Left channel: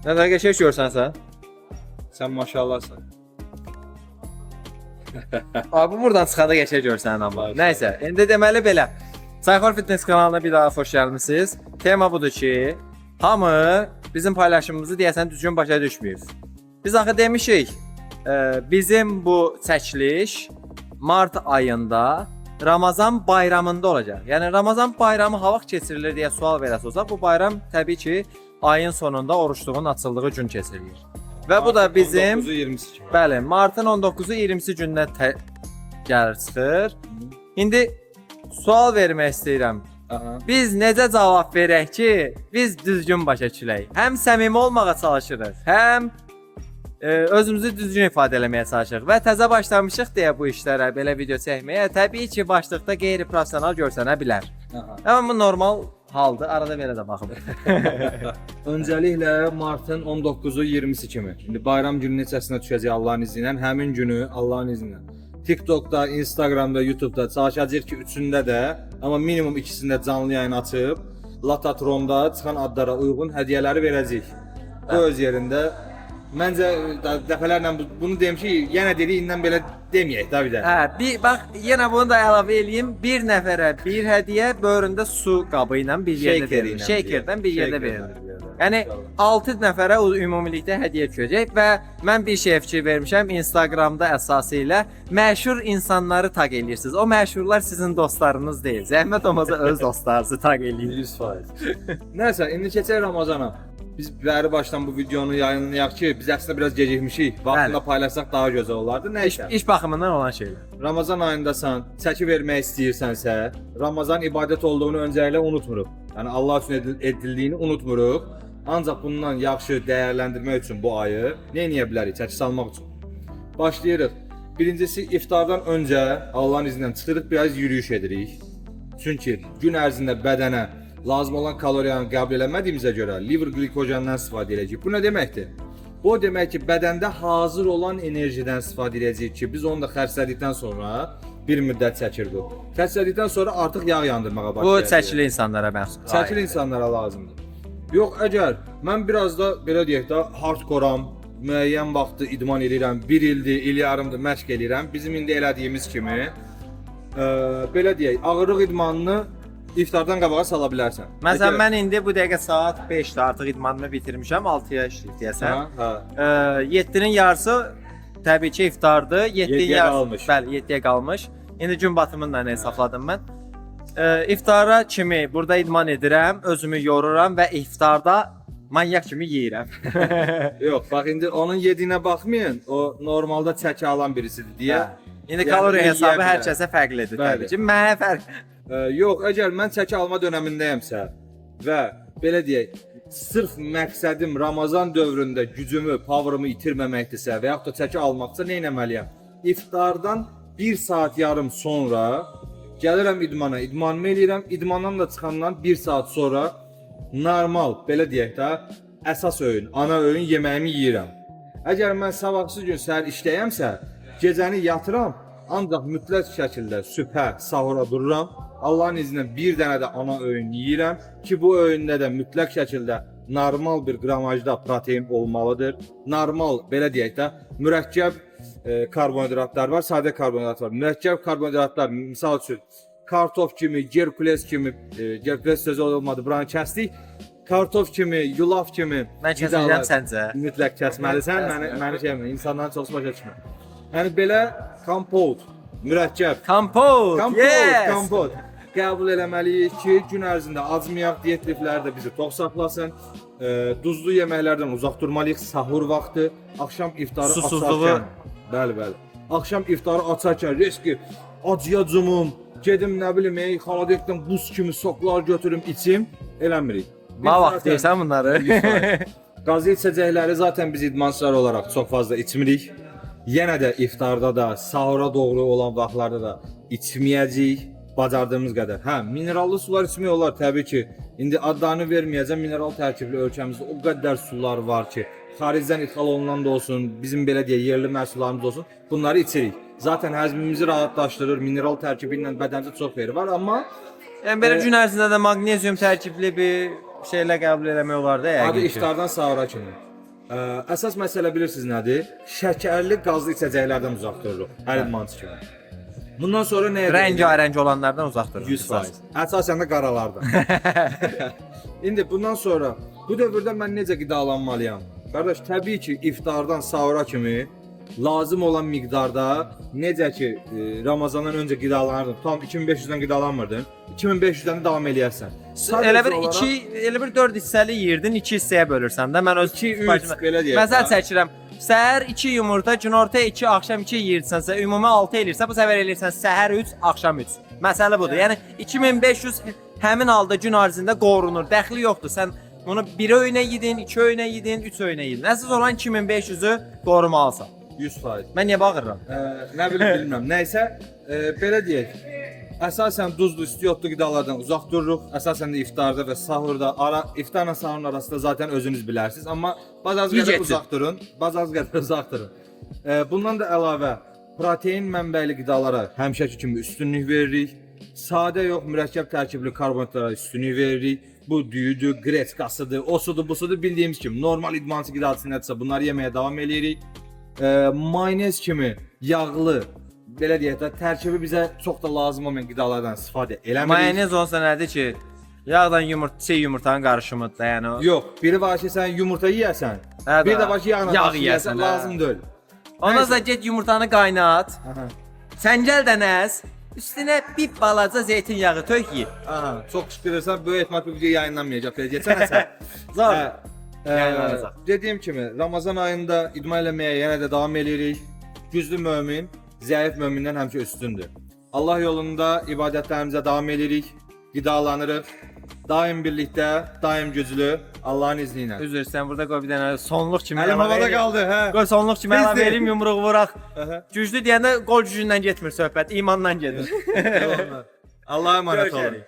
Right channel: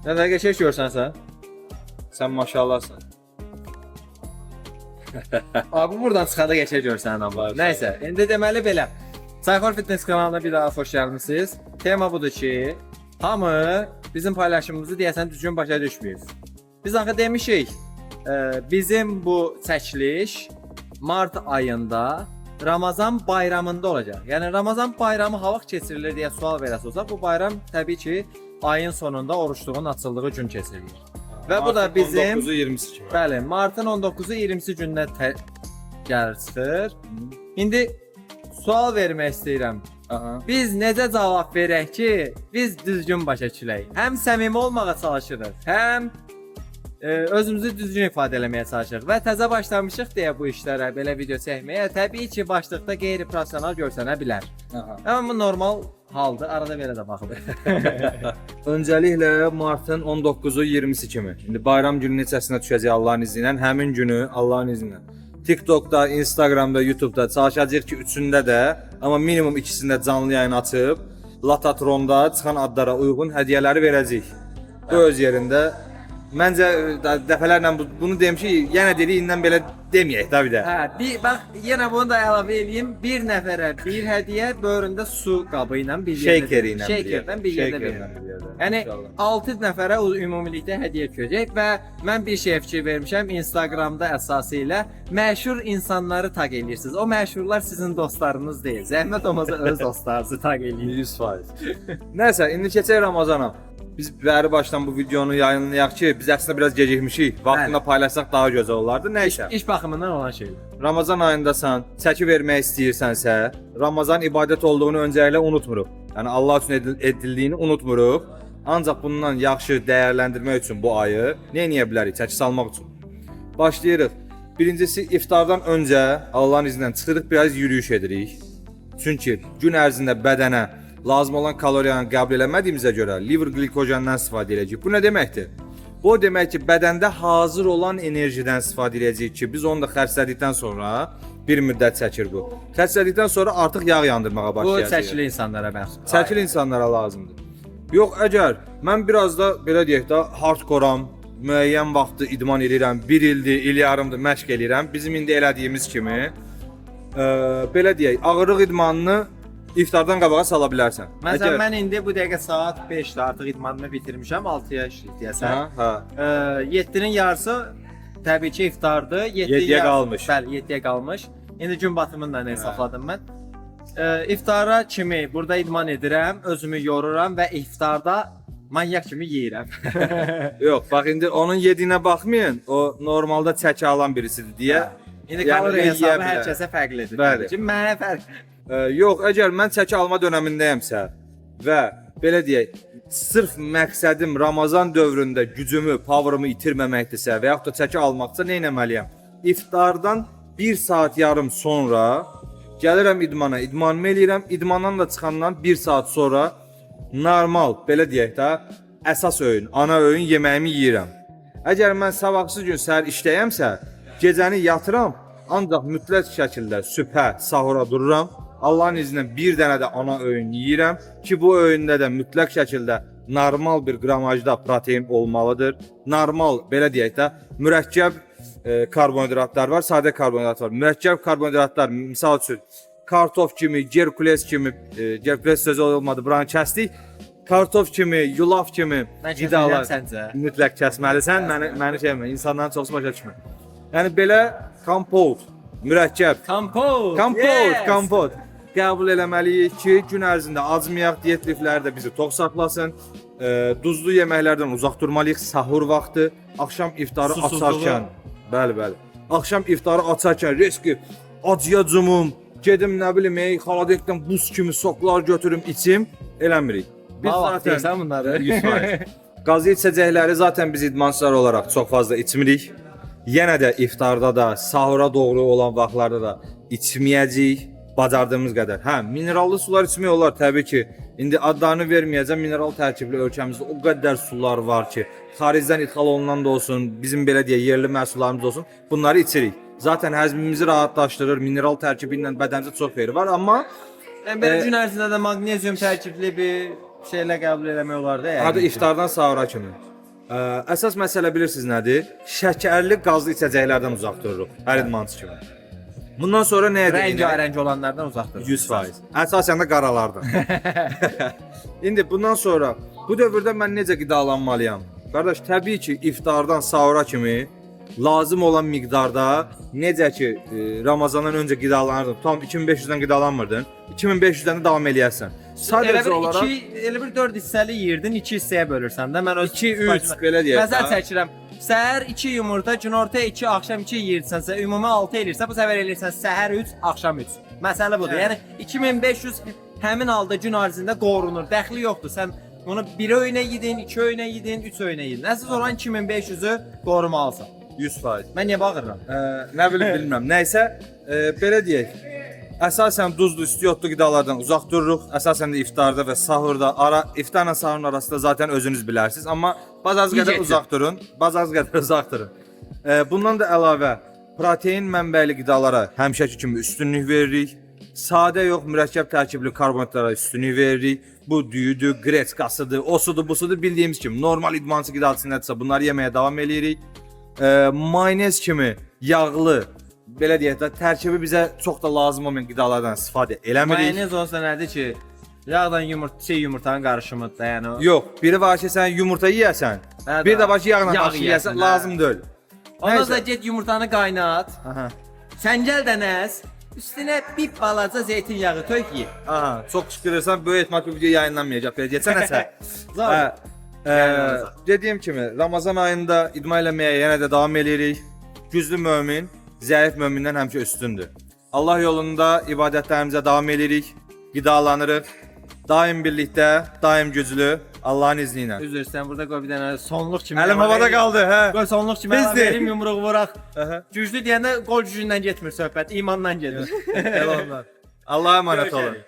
Nə qədər qəşəng görsən sən? Sən maşallahsan. Abi buradan çıxanda qəşəng görsən amma. Nəysə, indi deməli belə. Sayxor Fitness kanalına bir daha xoş gəlmisiniz. Tema budur ki, hamı bizim paylaşımımızı deyəsən düzgün başa düşməyib. Biz axı demişik, bizim bu çəkiliş mart ayında Ramazan bayramında olacaq. Yəni Ramazan bayramı ha vaxt keçirilir deyə sual verəsi olsa, bu bayram təbii ki ayın sonunda oruçluğun açıldığı gün keçirilir. Və bu da bizim 19-u 20-si kimi. bəli, martın 19-u 20-si gündə gəlir çıxır. İndi sual vermək istəyirəm. Biz necə cavab verək ki, biz düzgün başa düşək? Həm səmimi olmağa çalışırıq, həm özümüzü düzgün ifadə eləməyə çalışırıq və təzə başlamışıq deyə bu işlərə, belə video çəkməyə. Təbii ki, başlıqda qeyri-professional görsənə bilər. Amma bu normal haldır, arada belə də baxın. Öncəliklə martın 19-u 20-si kimi. İndi bayram günü neçəsinə düşəcək Allahın izni ilə, həmin günü Allahın izni ilə. TikTokda, Instagramda, YouTube'da çalışacağıq ki, üçündə də, amma minimum ikisində canlı yayın açıb, Latatronda çıxan adlara uyğun hədiyyələri verəcəyik. Bu öz yerində. Məncə dəfələrlə bunu demişik, yenə dedik, indən belə deməyək də bir də. Bir bax, yenə bunu da əlavə eləyim. Bir nəfərə bir hədiyyə böyründə su qabı ilə bir yerdə verilir. Shakerdən bir yerdə verilir. Yəni 6 nəfərə ümumilikdə hədiyyə düşəcək və mən bir şey fikir vermişəm. Instagramda əsasıyla məşhur insanları taq eləyirsiniz. O məşhurlar sizin dostlarınız deyil. Zəhmət olmasa öz dostlarınızı taq eləyin 100%. Nəysə, indi keçək Ramazana. Biz bəri başdan bu videonu yayınlayaq ki, biz əslində biraz gecikmişik. Vaxtında paylaşsaq daha gözəl olardı. Nəysə. İş baxımından olan şeylər. Ramazan ayındasan, çəki vermək istəyirsənsə, Ramazan ibadət olduğunu öncəliklə unutmuruq. Yəni Allah üçün edildiyini unutmuruq. Ancaq bundan yaxşı dəyərləndirmək üçün bu ayı nə edə bilərik? Çəki salmaq üçün. Başlayırıq. Birincisi iftardan öncə Allahın izni ilə çıxırıq, biraz yürüyüş edirik. Çünki gün ərzində bədənə lazım olan kaloriyanı qəbul eləmədiyimizə görə liver glikojendən istifadə edəcəyik. Bu nə deməkdir? Bu demək ki, bədəndə hazır olan enerjidən istifadə edəcəyik ki, biz onu da xərclədikdən sonra bir müddət çəkir bu. Xərclədikdən sonra artıq yağ yandırmağa başlayacağıq. Bu çəkili insanlara məxsus. Çəkili insanlara lazımdır. Yox, əgər mən biraz da belə deyək də hardkoram, müəyyən vaxtı idman edirəm, 1 ildir, il yarımdır məşq edirəm. Bizim indi elədiyimiz kimi belə deyək, ağırlıq idmanını İftardan qabağa sala bilərsən. Məsələn, mən indi bu dəqiqə saat 5-də artıq idmanımı bitirmişəm, 6-ya deyəsən. 7-nin yarısı təbii ki iftardır. 7-yə qalmış. Bəli, 7-yə qalmış. İndi gün batımını da hesabladım mən. İftara kimi burada idman edirəm, özümü yoruram və iftarda manyak kimi yeyirəm. Yox, bax indi onun yediyinə baxmayın. O normalda çəki alan birisidir deyə. İndi kalori hesabı hər kəsə fərqlidir. Təbii ki, mənə fərqli. Yox, əgər mən çəki alma dövründəyəmsə və belə deyək, sırf məqsədim Ramazan dövründə gücümü, power'ımı itirməməkdirsə və yaxud da çəki almaqsa nə etməliyəm? İftardan 1 saat yarım sonra gəlirəm idmana, idmanımı eləyirəm, idmandan da çıxandan 1 saat sonra normal, belə deyək də, əsas öğün, ana öğün yeməyimi yeyirəm. Əgər mən sabahsı gün səhər işləyəmsə, gecəni yatıram, ancaq mütləq şəkildə sübhə, sahura dururam. Allahın izni ilə bir dənə də ana öğün yeyirəm ki, bu öğündə də mütləq şəkildə normal bir qramajda protein olmalıdır. Normal, belə deyək də, mürəkkəb karbonhidratlar var, sadə karbonhidrat var. Mürəkkəb karbonhidratlar, misal üçün, kartof kimi, gerkules kimi, gerkules sözü olmadı, buranı kəsdik. Kartof kimi, yulaf kimi qidalar səncə mütləq kəsməlisən. Məni şeymə, insanların çoxsu başa düşmür. Yəni belə kompot, mürəkkəb, kompot qəbul eləməliyik ki, gün ərzində acmayaq, diyet lifləri də bizi tox saxlasın. Duzlu yeməklərdən uzaq durmalıyıq, sahur vaxtı, axşam iftarı açarkən. Bəli. Axşam iftarı açarkən riski acıya cumum, gedim nə bilim, xaladelikdən buz kimi soklar götürüm, içim, eləmirik. Ma vaxt deyirsən bunları. Qazı içəcəkləri zaten biz idmançılar olaraq çox fazla içmirik. Yenə də iftarda da, sahura doğru olan vaxtlarda da içməyəcəyik. Bacardığımız qədər. Minerallı sular içmək olar təbii ki. İndi adlarını verməyəcəm. Mineral tərkibli ölkəmizdə o qədər sular var ki, xaricdən ixal olunan da olsun, bizim belə deyək yerli məhsullarımız olsun, bunları içirik. Zaten həzmimizi rahatlaşdırır. Mineral tərkibi ilə bədənimizə çox xeyri var, amma yəni belə gün ərzində də maqnezium tərkibli bir şeylə qəbul eləmək olar da yəni. Adı iftardan sahura kimi. Əsas məsələ bilirsiniz nədir? Şəkərli, qazlı içəcəklərdən uzaq dururuq. Hər idmançı kimi. Bundan sonra nə edəcəyik? Rəngarəng olanlardan uzaq durun. 100%. Əsasən də qaralardan. İndi bundan sonra bu dövrdə mən necə qidalanmalıyam? Qardaş, təbii ki, iftardan sahura kimi lazım olan miqdarda necə ki Ramazandan öncə qidalanırdın, tam 2500-dən qidalanmırdın, 2500-dən də davam eləyərsən. Elə bir 4 hissəli yeyirdin, 2 hissəyə bölürsən də. Mən öz 2-3 belə deyək. Məsəl çəkirəm. Səhər 2 yumurta, günorta 2, axşam 2 yeyirsənsə, ümumi 6 elirsə, bu səfər elirsən səhər 3, axşam 3. Məsələ budur. Yəni 2500 həmin halda gün ərzində qorunur. Dəxli yoxdur. Sən onu 1 öynə yedin, 2 öynə yedin, 3 öynə yedin. Əsas olan 2500-ü qorumalısan. 100%. Mən niyə bağırıram? Nə bilim bilmirəm. Nəysə, belə deyək. Əsasən duzlu, istiotlu qidalardan uzaq dururuq. Əsasən də iftarda və sahurda, iftarla sahurun arasında zaten özünüz bilərsiniz. Amma bazaz qədər uzaq durun. Bazaz qədər uzaq durun. Bundan da əlavə protein mənbəli qidalara həmişəki kimi üstünlük veririk. Sadə yox, mürəkkəb tərkibli karbonhidratlara üstünlük veririk. Bu düyüdür, qretskasıdır, osudur, busudur, bildiyimiz kimi normal idmançı qidasındadırsa bunları yeməyə davam eləyirik. Mayonez kimi yağlı, belə deyək də, tərkibi bizə çox da lazım olmayan qidalardan istifadə eləmirik. Mayonez olsa nədir ki? Yağdan yumurtanın qarışımıdır da, yəni o. Yox, biri var ki, sən yumurta yeyəsən, bir də var ki, yağla yeyəsən, lazım deyil. Ondan sonra get yumurtanı qaynat. Sən gəl də nəz, üstünə bir balaca zeytin yağı tök ye. Aha, çox şükürsən, böyük ehtimal bu video yayınlanmayacaq, belə deyəsən nəsə. Zor. Dediyim kimi, Ramazan ayında idman eləməyə yenə də davam eləyirik. Güclü mömin, zəif mömindən həmişə üstündür. Allah yolunda ibadətlərimizə davam eləyirik, qidalanırıq. Daim birlikdə, daim güclü, Allahın izni ilə. Üzr, sən burada qoy bir dənə sonluq kimi. Əlim havada qaldı, hə. Qoy sonluq kimi əlavə Bizdir. verim, yumruq vuraq. Güclü deyəndə qol gücündən getmir söhbət, imandan gedir. Allah'a emanet olun.